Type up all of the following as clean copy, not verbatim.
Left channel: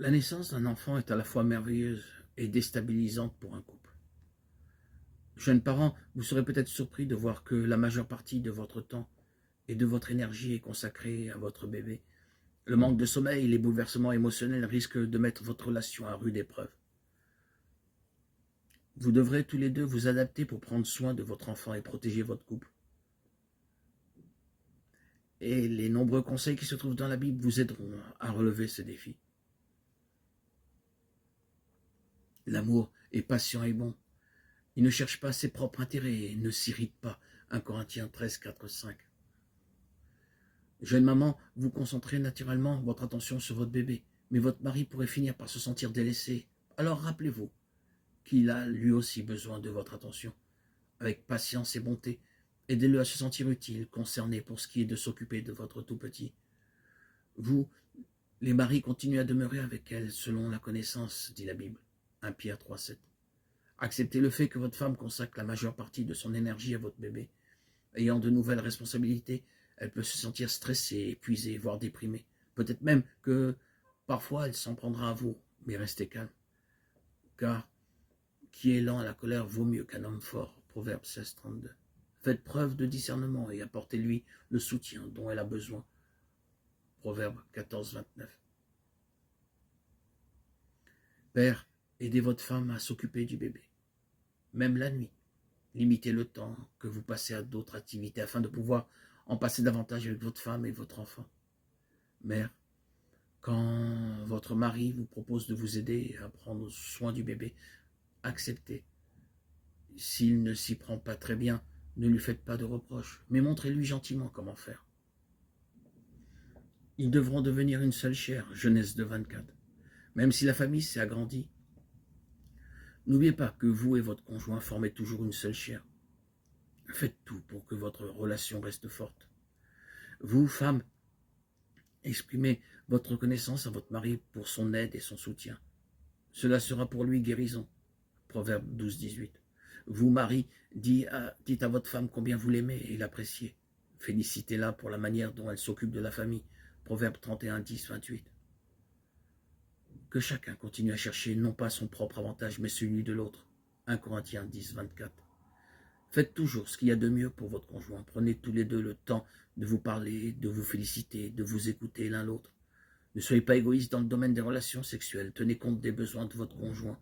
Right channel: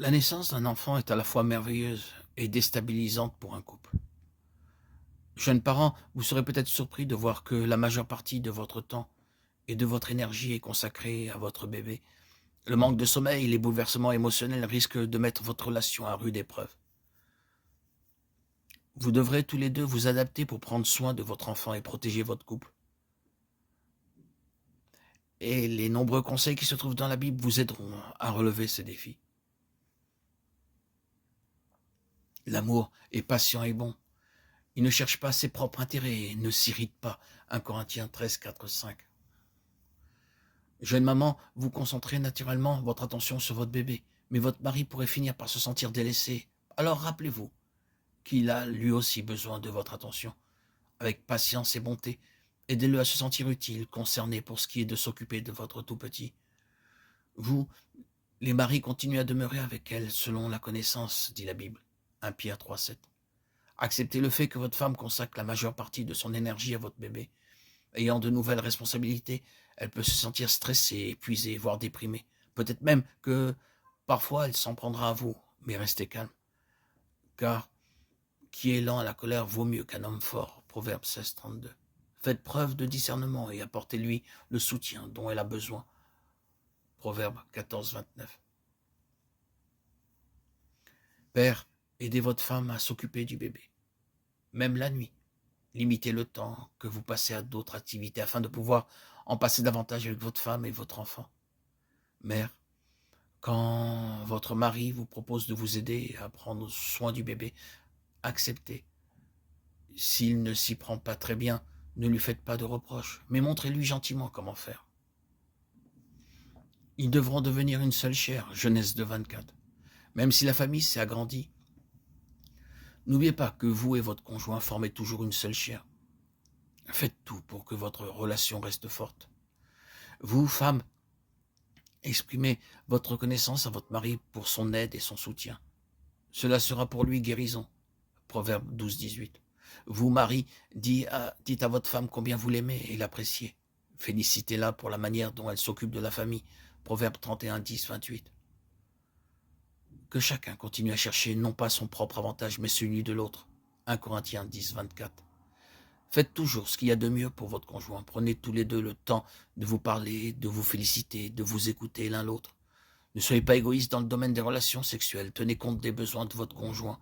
La naissance d'un enfant est à la fois merveilleuse et déstabilisante pour un couple. Jeunes parents, vous serez peut-être surpris de voir que la majeure partie de votre temps et de votre énergie est consacrée à votre bébé. Le manque de sommeil et les bouleversements émotionnels risquent de mettre votre relation à rude épreuve. Vous devrez tous les deux vous adapter pour prendre soin de votre enfant et protéger votre couple. Et les nombreux conseils qui se trouvent dans la Bible vous aideront à relever ces défis. L'amour est patient et bon. Il ne cherche pas ses propres intérêts et ne s'irrite pas. 1 Corinthiens 13, 4, 5. Jeune maman, vous concentrez naturellement votre attention sur votre bébé, mais votre mari pourrait finir par se sentir délaissé. Alors rappelez-vous qu'il a lui aussi besoin de votre attention. Avec patience et bonté, aidez-le à se sentir utile, concerné pour ce qui est de s'occuper de votre tout petit. Vous, les maris, continuez à demeurer avec elle selon la connaissance, dit la Bible. 1 Pierre 3, 7. Acceptez le fait que votre femme consacre la majeure partie de son énergie à votre bébé. Ayant de nouvelles responsabilités, elle peut se sentir stressée, épuisée, voire déprimée. Peut-être même que parfois elle s'en prendra à vous, mais restez calme. Car qui est lent à la colère vaut mieux qu'un homme fort. Proverbe 16, 32. Faites preuve de discernement et apportez-lui le soutien dont elle a besoin. Proverbe 14, 29. Père, aidez votre femme à s'occuper du bébé, même la nuit. Limitez le temps que vous passez à d'autres activités afin de pouvoir en passer davantage avec votre femme et votre enfant. Mère, quand votre mari vous propose de vous aider à prendre soin du bébé, acceptez. S'il ne s'y prend pas très bien, ne lui faites pas de reproches, mais montrez-lui gentiment comment faire. Ils devront devenir une seule chair, Genèse 2, 24. Même si la famille s'est agrandie, n'oubliez pas que vous et votre conjoint formez toujours une seule chair. Faites tout pour que votre relation reste forte. Vous, femmes, exprimez votre reconnaissance à votre mari pour son aide et son soutien. Cela sera pour lui guérison. Proverbe 12, 18. Vous, mari, dites à votre femme combien vous l'aimez et l'appréciez. Félicitez-la pour la manière dont elle s'occupe de la famille. Proverbe 31, 10, 28. Que chacun continue à chercher non pas son propre avantage, mais celui de l'autre. 1 Corinthiens 10, 24. Faites toujours ce qu'il y a de mieux pour votre conjoint. Prenez tous les deux le temps de vous parler, de vous féliciter, de vous écouter l'un l'autre. Ne soyez pas égoïste dans le domaine des relations sexuelles. Tenez compte des besoins de votre conjoint.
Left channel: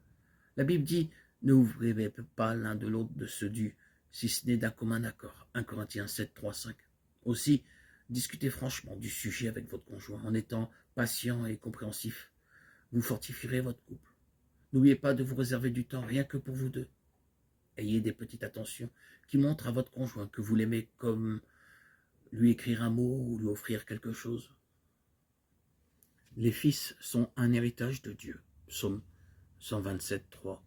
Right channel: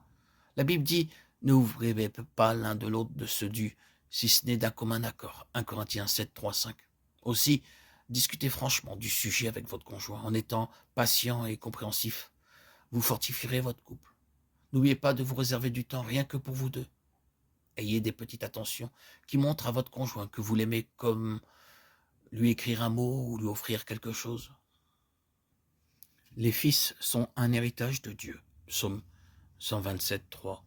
La Bible dit, ne vous privez pas l'un de l'autre de ce dû, si ce n'est d'un commun accord. 1 Corinthiens 7, 3, 5. Aussi, discutez franchement du sujet avec votre conjoint en étant patient et compréhensif. Vous fortifierez votre couple. N'oubliez pas de vous réserver du temps rien que pour vous deux. Ayez des petites attentions qui montrent à votre conjoint que vous l'aimez, comme lui écrire un mot ou lui offrir quelque chose. Les fils sont un héritage de Dieu. Psaume 127, 3.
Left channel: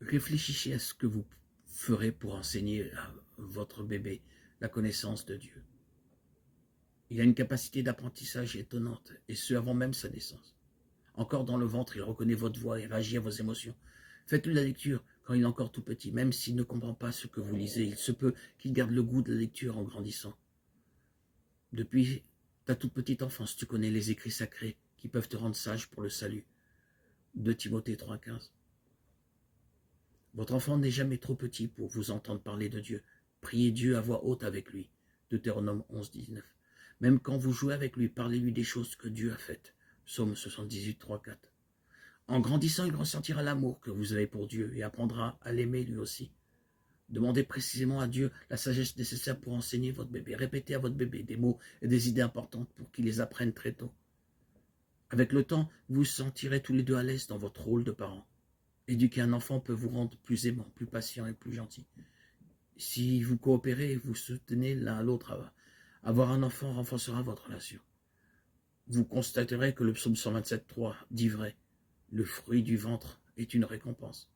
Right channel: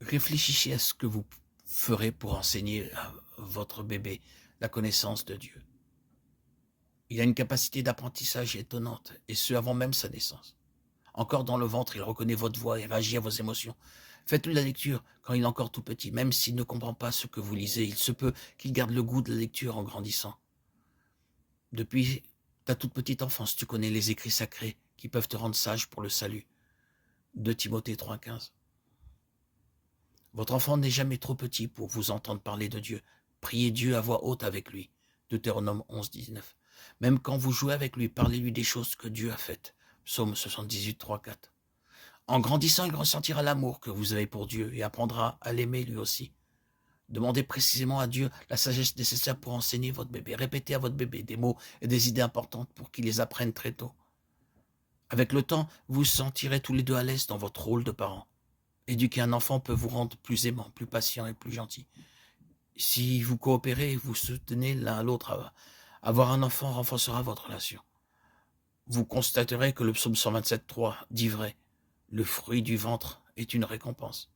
Réfléchissez à ce que vous ferez pour enseigner à votre bébé la connaissance de Dieu. Il a une capacité d'apprentissage étonnante, et ce avant même sa naissance. Encore dans le ventre, il reconnaît votre voix et réagit à vos émotions. Faites-lui la lecture quand il est encore tout petit, même s'il ne comprend pas ce que vous lisez. Il se peut qu'il garde le goût de la lecture en grandissant. Depuis ta toute petite enfance, tu connais les écrits sacrés qui peuvent te rendre sage pour le salut. 2 Timothée 3, 15. Votre enfant n'est jamais trop petit pour vous entendre parler de Dieu. Priez Dieu à voix haute avec lui. Deutéronome 11, 19. Même quand vous jouez avec lui, parlez-lui des choses que Dieu a faites. Psaume 78, 3, 4. En grandissant, il ressentira l'amour que vous avez pour Dieu et apprendra à l'aimer lui aussi. Demandez précisément à Dieu la sagesse nécessaire pour enseigner votre bébé. Répétez à votre bébé des mots et des idées importantes pour qu'il les apprenne très tôt. Avec le temps, vous vous sentirez tous les deux à l'aise dans votre rôle de parent. Éduquer un enfant peut vous rendre plus aimant, plus patient et plus gentil. Si vous coopérez et vous soutenez l'un l'autre, avoir un enfant renforcera votre relation. Vous constaterez que le psaume 127, 3 dit vrai. Le fruit du ventre est une récompense.